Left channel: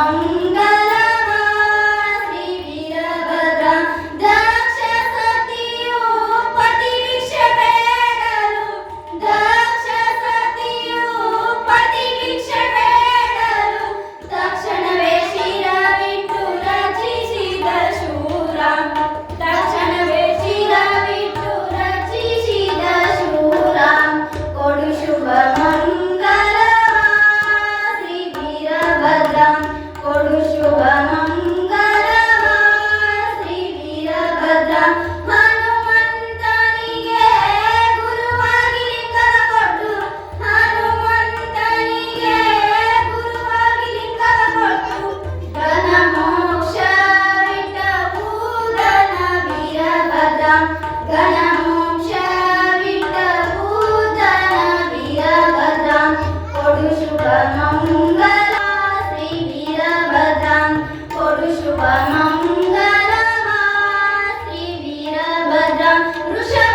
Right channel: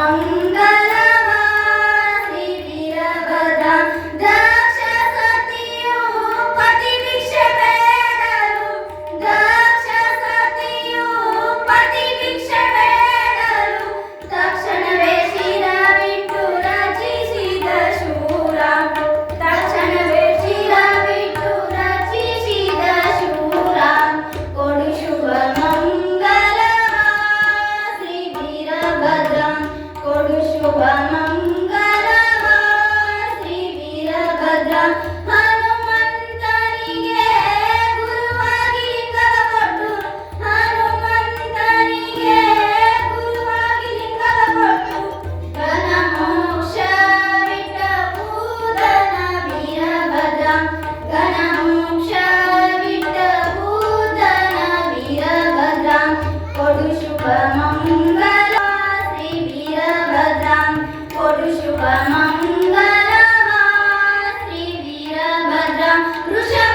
Angan. Lucia.